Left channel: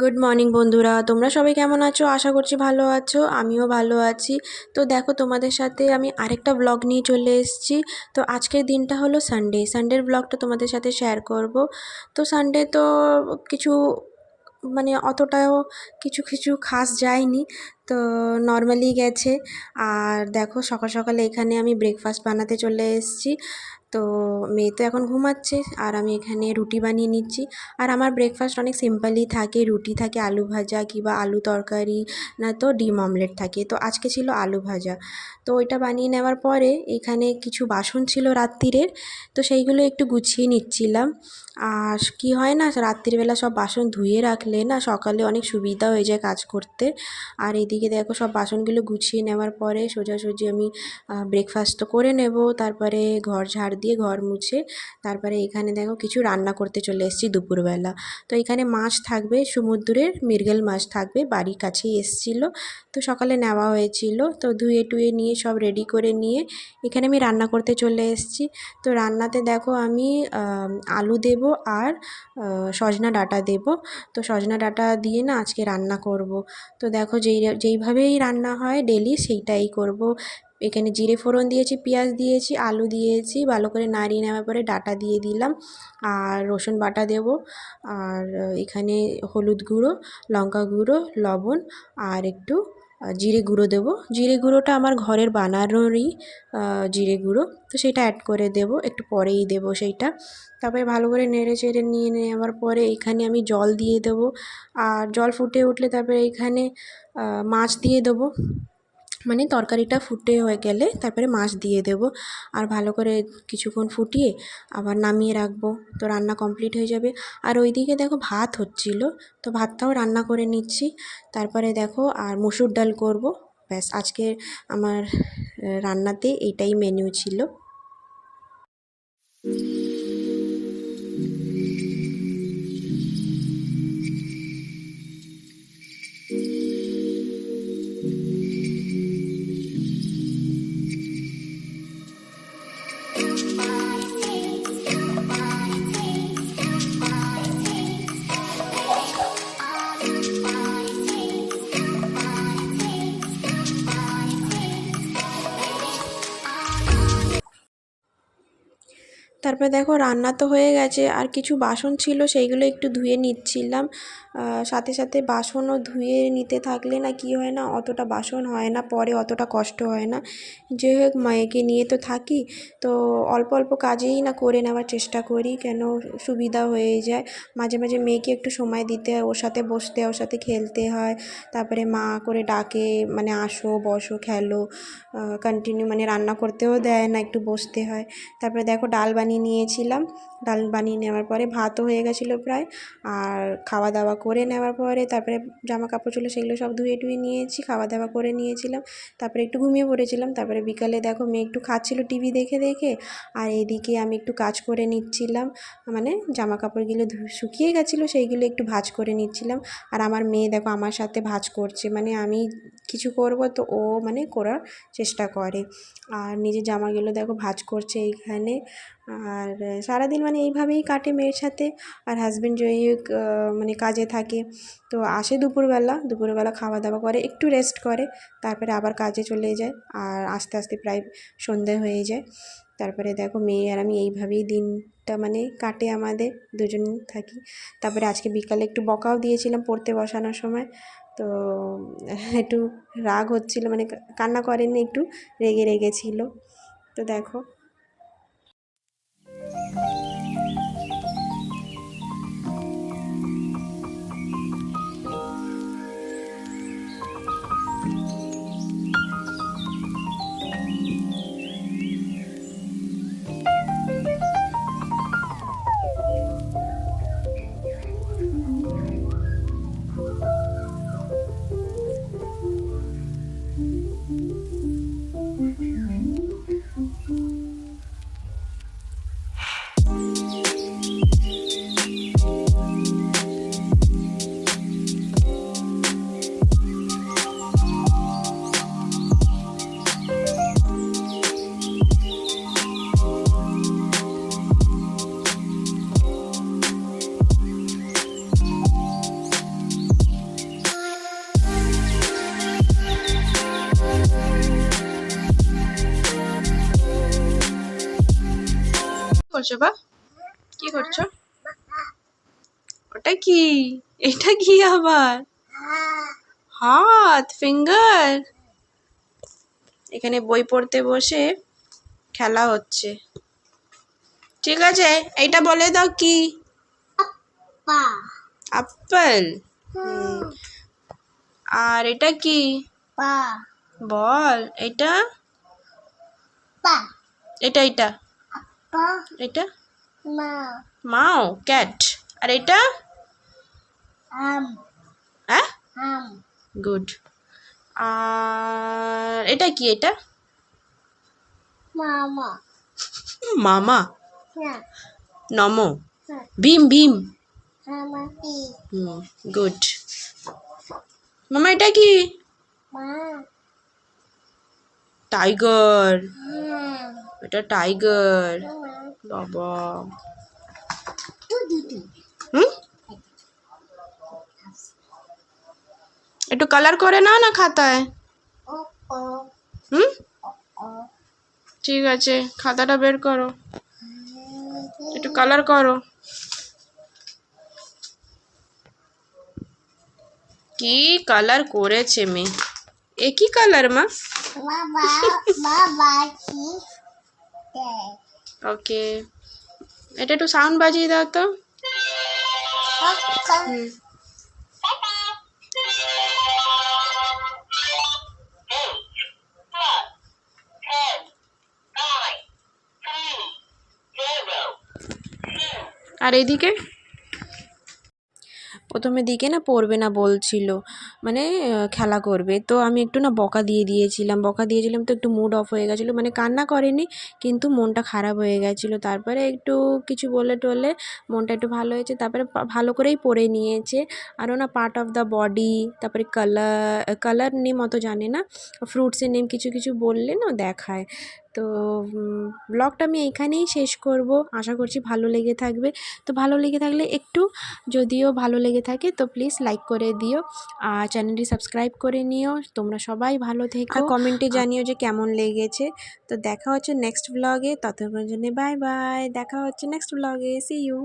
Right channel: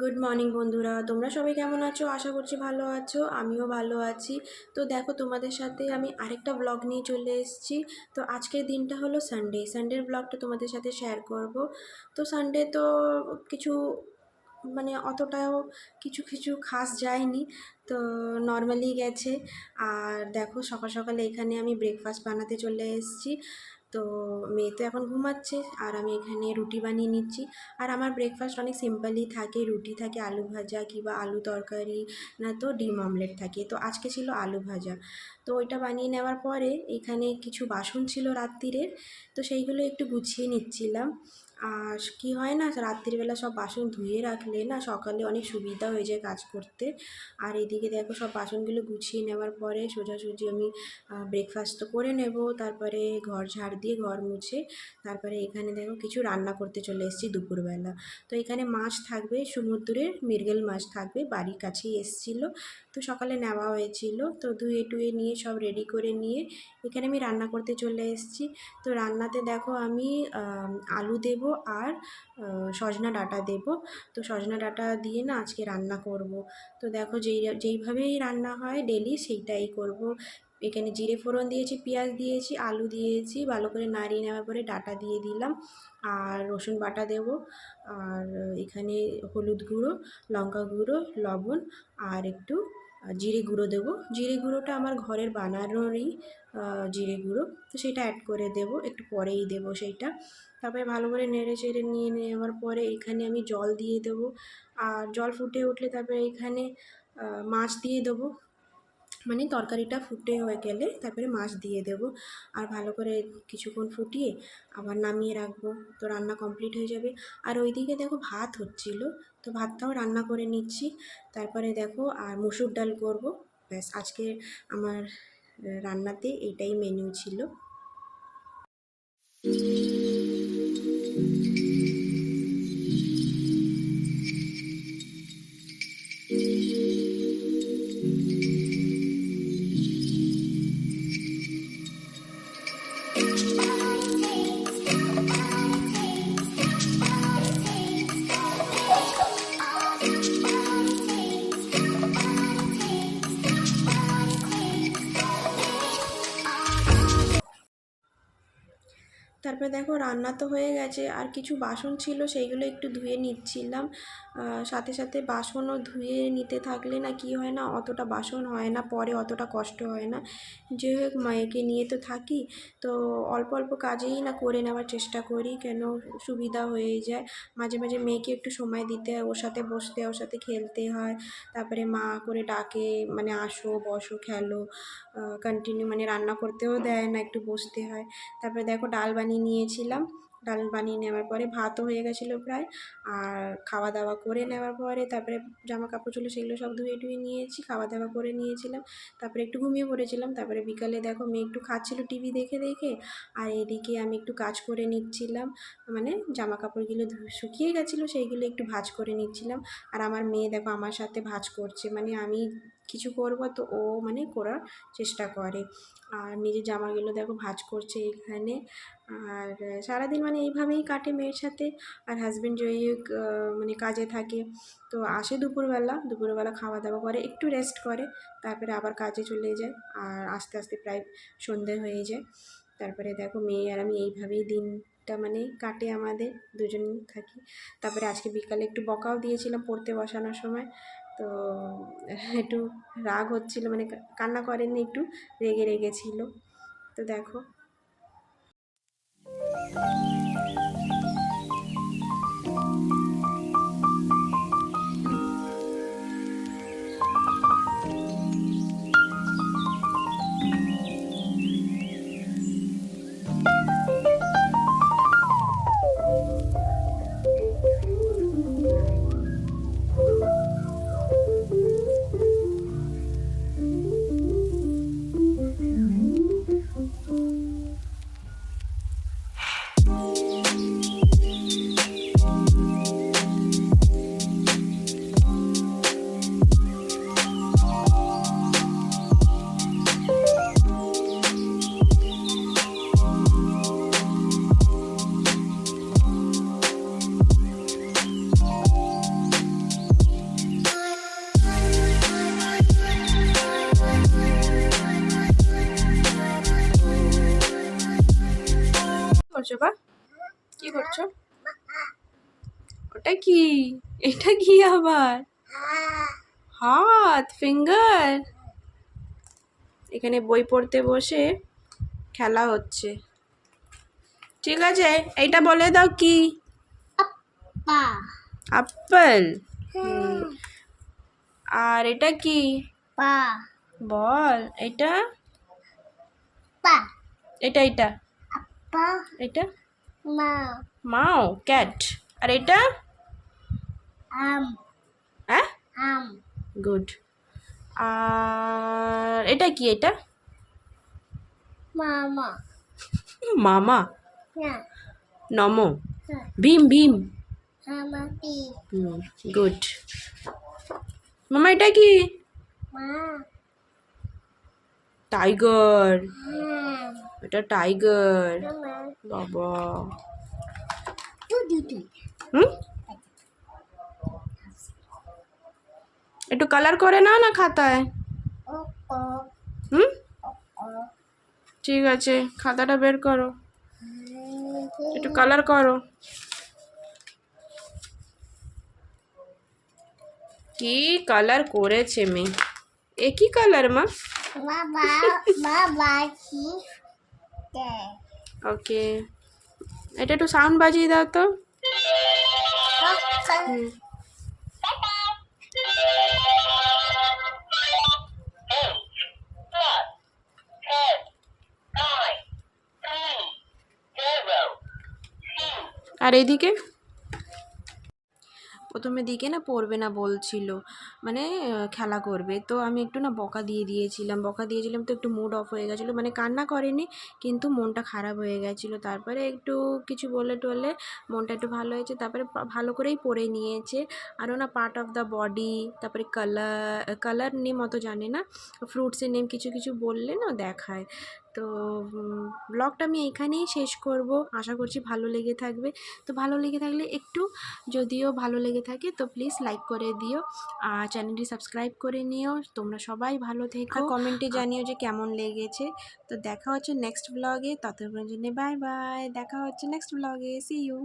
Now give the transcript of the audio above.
Good morning বন্ধুরা, তোমরা সবাই কেমন আছো? আশা করছি ভালো আছো, আমিও ভালো আছি। তো দেখো, তোমাদের সাথে আমি আরেকটা ব্লগ নিয়ে চলে এসেছি। তো আজকের দিনটা হলো সানডের ব্লগটা তোমাদের সাথে শেয়ার করব। তো সানডে তো কিছু মানে অতটাও কিছু কিছু খাস যায়নি, তো নর্মালি গেছে। আর দেখো, সকাল সকালে এখানে আমি ব্রেকফাস্ট বানাতে চলে এসেছি। তো মেয়ে তো এখন ঘুমাচ্ছে আর আমি এখানে রুটি বানিয়ে নিচ্ছি। আর আমার ব্রেকফাস্ট অনেক সিম্পলই থাকে, রুটি থাকে, আলু ভাজা কিংবা আলু তরকারি, না তো ডিম অমলেট থাকে। তো আজকে ছিল আলু ভাজা। তো ওইটা বানিয়ে নেওয়ার পরে এখানে কিছু বাসন ছিল রাত্তিরের, তো সেইগুলো একটু গুছিয়ে নিচ্ছিলাম। আর কি হয় না, রাত্রিবেলা সব বাসন ধুয়ে রাখলে না সকালে অনেক সুবিধা হয়ে যায় কাজ করতে। আর এইদিকে দেখো, সব বাসনগুলো গুছিয়ে নেওয়ার পরে সোজাসুজি আমি ব্রেকফাস্ট তো করে নেব, তারপরে ঘর ঝাড় দিয়ে ঘর মুছে তারপরে এখানে দেখো কিছু রান্না করতে চলে এসেছি দুপুরবেলা। তো এখানে মাছ থাকবে, সমুদ্রের মৃগেল মাছ থাকবে, বাড়ির কাছেই এসেছিলো। তো সকালে নেওয়া হয়েছিল, তো ধুয়ে টুয়ে নিয়ে সব রেডি করে নিয়ে এখানে আমি রান্না করতে চলে এসেছি। তো রান্নাতে দেখো আমি আলু দেব আর সজনা ডাঁটা দেব। তো সজনা ডাঁটা দিয়ে না আজকে রান্না করব। তো দেখো, যেইভাবেই রান্না হয় ডেলি সেইটাই করব। এখানে জিরে ফোড়ন দিয়েছি, পেঁয়াজ দিয়েছি, আলু দিয়েছি, ভালো করে নাড়িয়ে নেওয়ার পরে ডাঁটা দিয়ে দিলাম। আর রসুন বাটা দেব। আর এখানে হলুদ গুঁড়ো, লঙ্কা গুঁড়ো, লবণ আর একটু জিরে গুঁড়ো দেবো। জিরে গুঁড়োটা আমার ঘরের বানানোরই জিরে গুঁড়ো, তো সেটা অ্যাড করে দেব, একটু পরেই দেব সেইটা। তারপরে ভালো করে নেড়ে চেড়ে নিয়ে নেওয়ার পরে এখানে আমি জল দিয়ে দেবো। আর জল ফুটে উঠলে তারপরে এখানে মাছ দিয়ে দেবো। মানে তরকারিটা ফুটে হয়ে গেলে তারপরে মাছ দিয়ে দেব। আর ভালো করে কিছুক্ষণ ফুটিয়ে আবার নামিয়ে রাখবো, তো রান্না কমপ্লিট হয়ে যাবে। আর ওইদিকে দেখো ভাত হচ্ছিল, তো ভাতটাও রান্না করে নিচ্ছি। তারপরে দেখো আর মসুর ডাল করব। ব্যাস, আজকের আমার রান্নাতে এটাই মেনু ছিল। তারপরে দেখো রান্না তো হয়ে গেছে, আর কিছু বাসন ছিল সেইগুলো একটু ধুয়ে নিচ্ছিলাম। সাথে সাথে বাসনও ধুয়ে নিতে থাকলে না কি হয় না, অতটা বাসন হয় না, পরে অতটা কষ্ট হয় না। যাই হোক, মায়েকে নিয়ে তো থাকি, তো অল্প অল্প কাজেই না করে নেওয়ার চেষ্টা করি, কেন সুবিধা হয়ে যায়। মাঝে মাঝে মেয়েকে একটু সময় দিতে হয়, ওর সাথে বসতে হয়, ওর সাথে খেলতে হয়। তারপরে মা করে ডাকে, মানে আসো বসো খেলো, কন্টিনিউ মানে রান্না করতেও দেয় না, একটু বসতে হয়। তারপরে দেখো ডাল বানিয়ে নিয়েছিলাম। ডাল বানিয়ে নেওয়ার পরে ভাতও হয়ে গেছিলো প্রায়। আর খাওয়া দাওয়া করে নেওয়ার পরে তারপরে জামা কাপড় ছিল সেগুলো সব ধুয়ে টুয়ে নিয়েছি, খাওয়া দাওয়া করে নিয়েছিলাম। তারপরে একটু ঘুমিয়ে পড়েছিলাম। তারপরে বিকালে দেখো মেয়ে একটু খাচ্ছিলো টিভি দেখে দেখে, আর এইদিকে আমি একটু কাজ করে নিচ্ছিলাম। মানে জামা কাপড়গুলো শুকিয়ে গেছিলো, সেইগুলো একটু ভাঁজ করে নিচ্ছিলাম। আর আমার মেয়ে দেখো আমার সাথে ভাঁজ করছে, মানে আমি কিছু করব তো ও মানে করার চেষ্টা করে। আর নিজের জামাগুলো দেখো ভাঁজ করছে এইখানে। আর সারাদিন মানে এইভাবেই কাটে মেয়ের সাথে। আর হাজব্যান্ড যাই হোক মানে কাজে থাকে, তো আসে দুপুরবেলা খাওয়া দাওয়া করে, একটু রেস্ট করে, তারপরে আবার কাজে চলে যায়। আর আস্তে আস্তে প্রায় সন্ধে হয়ে যায়। তারপরে দেখো মেয়ে আর আমি এইভাবেই দিনটা মানে কাটে আমাদের, দুজনেই থাকি। তারপরে আজকে বিকালে একটু বকাও দিয়েছিলাম পড়তে বসানোর সময়। তো একটু রাগ হচ্ছিলো, মানে কান্না করেনি, একটু রেগে রেগেছিল। তো দেখো। করছো বা? কি করছো? ওটা কি? এটা কি আবার? হাত, ফিঙ্গার। এখানে বই পড়তে বসে খেলা হচ্ছে। ঠিক আছে, এইটা বলে দাও কি? আপেল। আর এটা কি? বল। এটা এটা এটা এটা মাও, ক্যাট। আর এটা? হ্যাঁ, গুড। আর এটা কি? এটা মামা, নমো, ভীম ভীম। গুড। মামা এটা কি? টাইগার। এটা টাইগার। বাবা। হুম, একটু কালার করে নাও না খাতায়। হুম, ঠিক আছে, খাতাটা বের করো, একটু কালার করো। কি কালার করেছে মেয়ে? এ কি কালার মা? ওকে, এটা একটু সাউন্ড বাজিয়ে দাও তো। হুম। আর এইদিকে প্রথমে দিকে না পড়বে না বলছিল, মানে খেলা করবে, তো আমি একটু না বকা দিয়েছিলাম তো একটু মুড অফ হয়ে গেছিলো, মানে কান্না করেনি কিন্তু মনটা খারাপ হয়ে গেছিলো। তারপরে একটু কিছু বলে টলে মনটা একটু ভালো হয়েছে, তারপরে ভালো করেই পড়ে নিয়েছে। আরও না পার্ট অফ দ্য বডি, তারপরে কালার নেম অত জানে না, ফ্রুটসের নেম কিছু কিছু বললে না দেখায়। তো ব্লগটা আমি এইখানেই শেষ করব, আশা করছি ভালো লেগে থাকবে। তো ভালো লেগে থাকলে একটু, যদিও ভালো লেগে থাকে তো প্লিজ লাইক করে দিও, আর চ্যানেলটি সাবস্ক্রাইব করে নিও। তোমরা সবাই ভালো থেকো, আর কমেন্টে জানিও যে কেমন লেগেছে। তো দেখা হচ্ছে নেক্সট ব্লগে, ততক্ষণের জন্য বাই বাই। দেখা হচ্ছে নেক্সট ব্লগে, সি ইউ।